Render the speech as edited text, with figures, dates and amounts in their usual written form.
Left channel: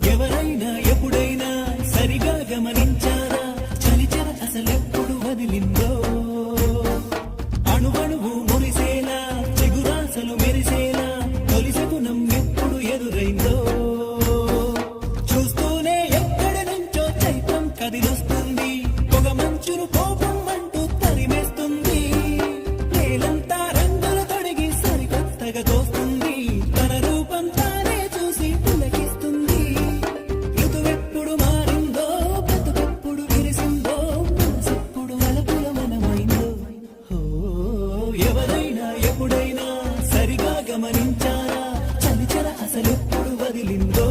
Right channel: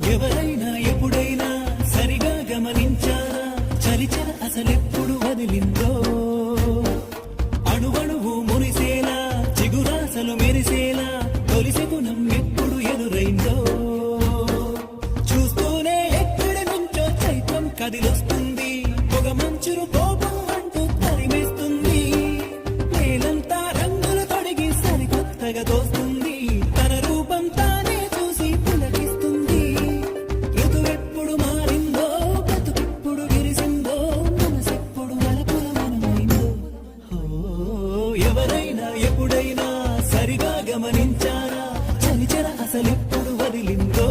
ఎవరైనా ఎప్పుడైనా సరిగా గమనించారా చలిచర అసలెప్పుడు వదిలిందో అణువణువు మురిసేలా చిగురాసలు మెరిసేలా తొలిసె గుణం ఎప్పుడు ఎదురైందో చూస్తూనే ఎక్కడి నుంచో చైత్రం కదిలొస్తుంది పొగ మంచును కోపం అంటూ తరిమేస్తుంది నేలంతా రంగులు తొడిగి సరికొత్తగా దోస్తుంది తన రూపం తానే చూసి పులకిస్తుంది ఋతువెప్పుడు మారిందో బ్రతుకెప్పుడు విరిసిందో మనసెప్పుడు అలపుల మనమైందో ఎవరైనా ఎప్పుడైనా సరిగా గమనించారా చలిచర అసలెప్పుడు వదిలిందో